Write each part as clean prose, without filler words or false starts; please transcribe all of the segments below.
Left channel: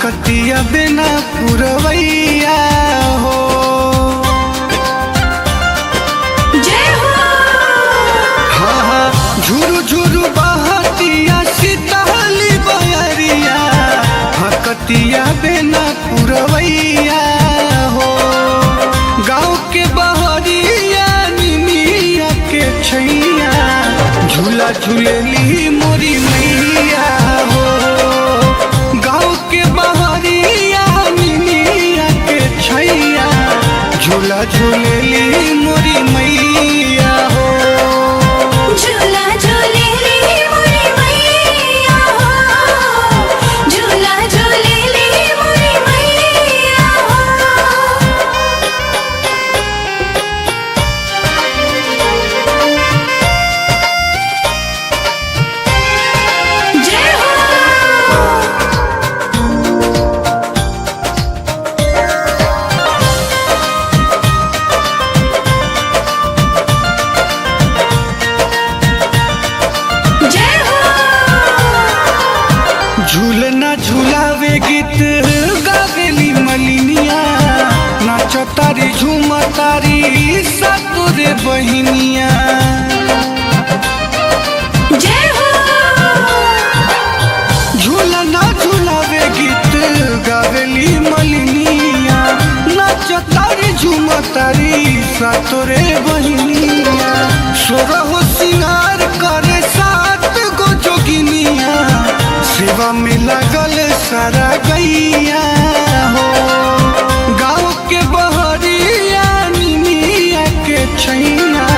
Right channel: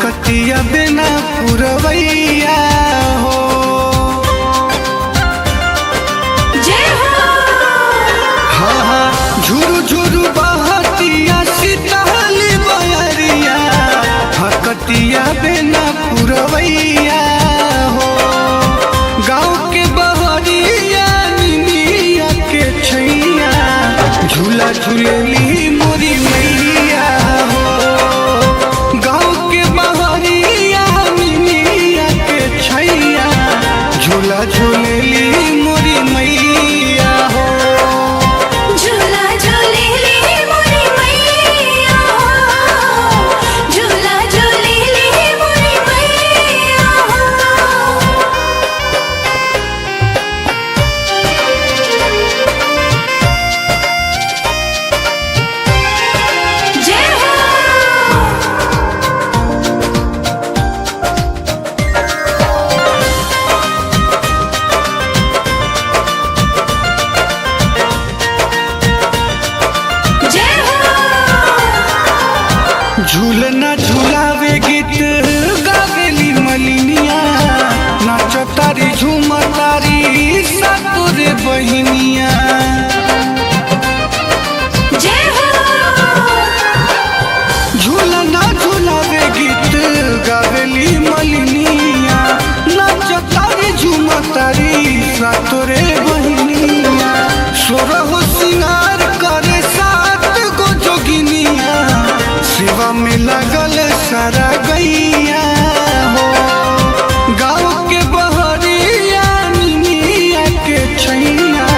हकतिया बिना पुरवैया हो। हाँ हाँ झुरु झुरु बहतिया सीताली बयरिया, हकतिया बिना पुरवैया हो। गाँव के बहरिया निमिया के छैया, झूला झूलेली मोरी मैया हो। गाँव के बहरिया निमिया के छैया, झूला झूलेली मोरी मैया हो। झूला झूलेली मोरी मैया हो, झूला झूलेली मोरी मैया हो। जय हो। जय हो। झूलना झूलावे गीत गावेली मलिनिया, नाच तारी झूम तारी सातोरे बहिनिया। जय हो। झूलना झूलावे गीत गावेली मलिनिया, नाच तारी झूम तारी सातोरे बहिनिया। सोरहो सिंगार करे सात गो जोगिनिया, सेवा में लगल सारा गैया हो। गाँव के बहरिया निमिया के छैया,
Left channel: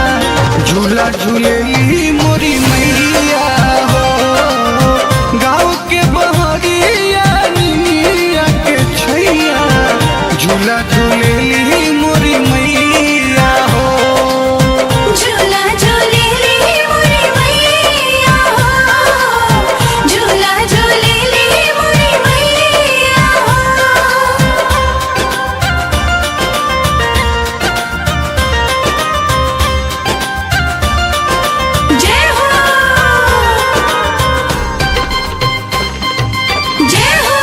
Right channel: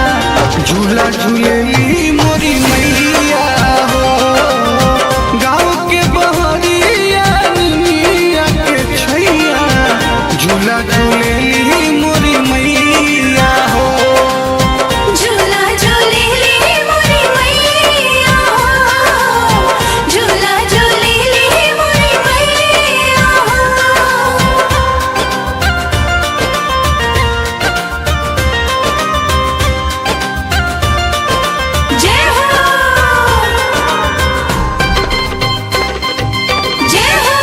झूला झूलेली मोरी मैया हो। गाँव के बहरिया निमिया के छैया, झूला झूलेली मोरी मैया हो। झूला झूलेली मोरी मैया हो, झूला झूलेली मोरी मैया हो। जय हो। जय हो।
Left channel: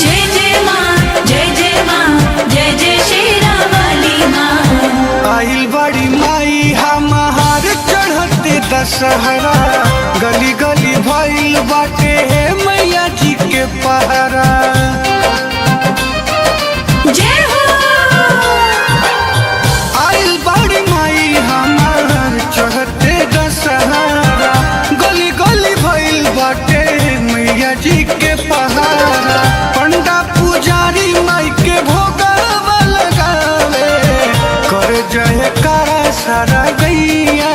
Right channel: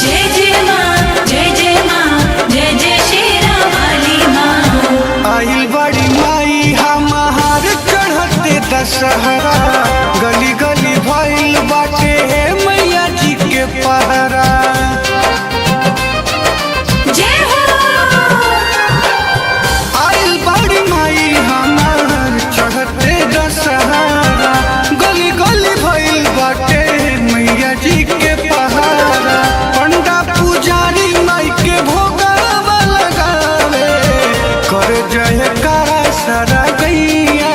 जय जय माँ, जय जय माँ, जय जय शेरा वाली माँ। आइल बड़ी माई हमार चढ़ते दशहरा, गली गली भइल बाटे मैया जी के पहरा। जय हो। आइल बड़ी माई हमार चढ़ते दशहरा, गली गली भइल बाटे मैया जी के पहरा। पंडा पुजारी माई के भोगवा लगावे, कर जयकारा सारा गैया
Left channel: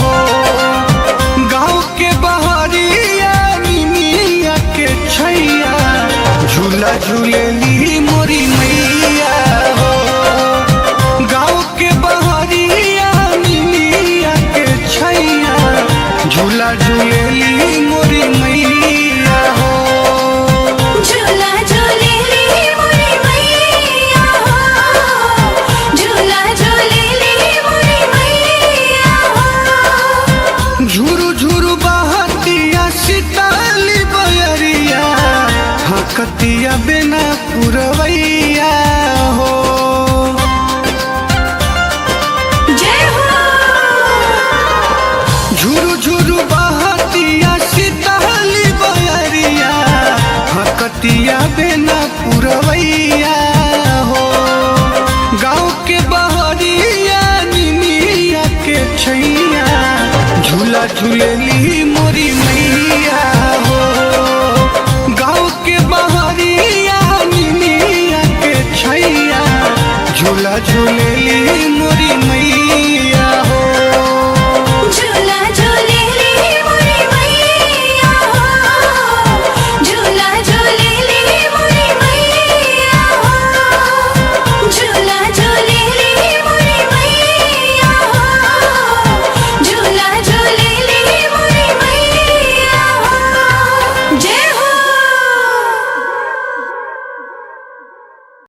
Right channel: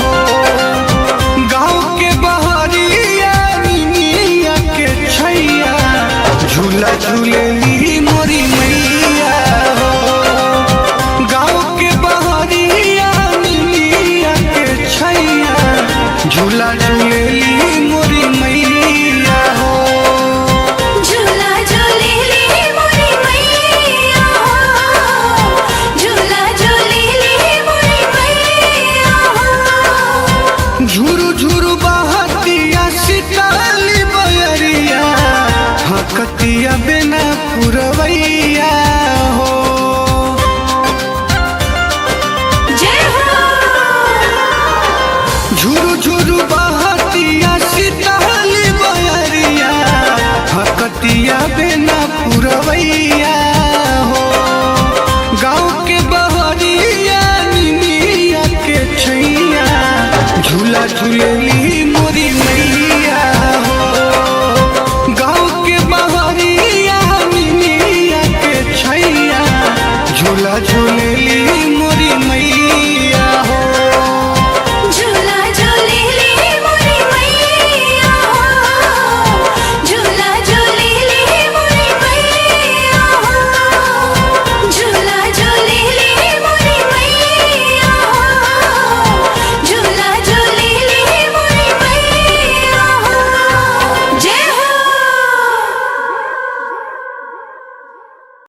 हो। गाँव के बहरिया निमिया के छैया, झूला झूलेली मोरी मैया हो। गाँव के बहरिया निमिया के छैया, झूला झूलेली मोरी मैया हो। झूला झूलेली मोरी मैया हो, झूला झूलेली मोरी मैया हो। झुरु झुरु बहतिया सीताली बयरिया, हकतिया बिना पुरवैया हो। जय हो। झुरु झुरु बहतिया सीताली बयरिया, हकतिया बिना पुरवैया हो। गाँव के बहरिया निमिया के छैया, झूला झूलेली मोरी मैया हो। गाँव के बहरिया निमिया के छैया, झूला झूलेली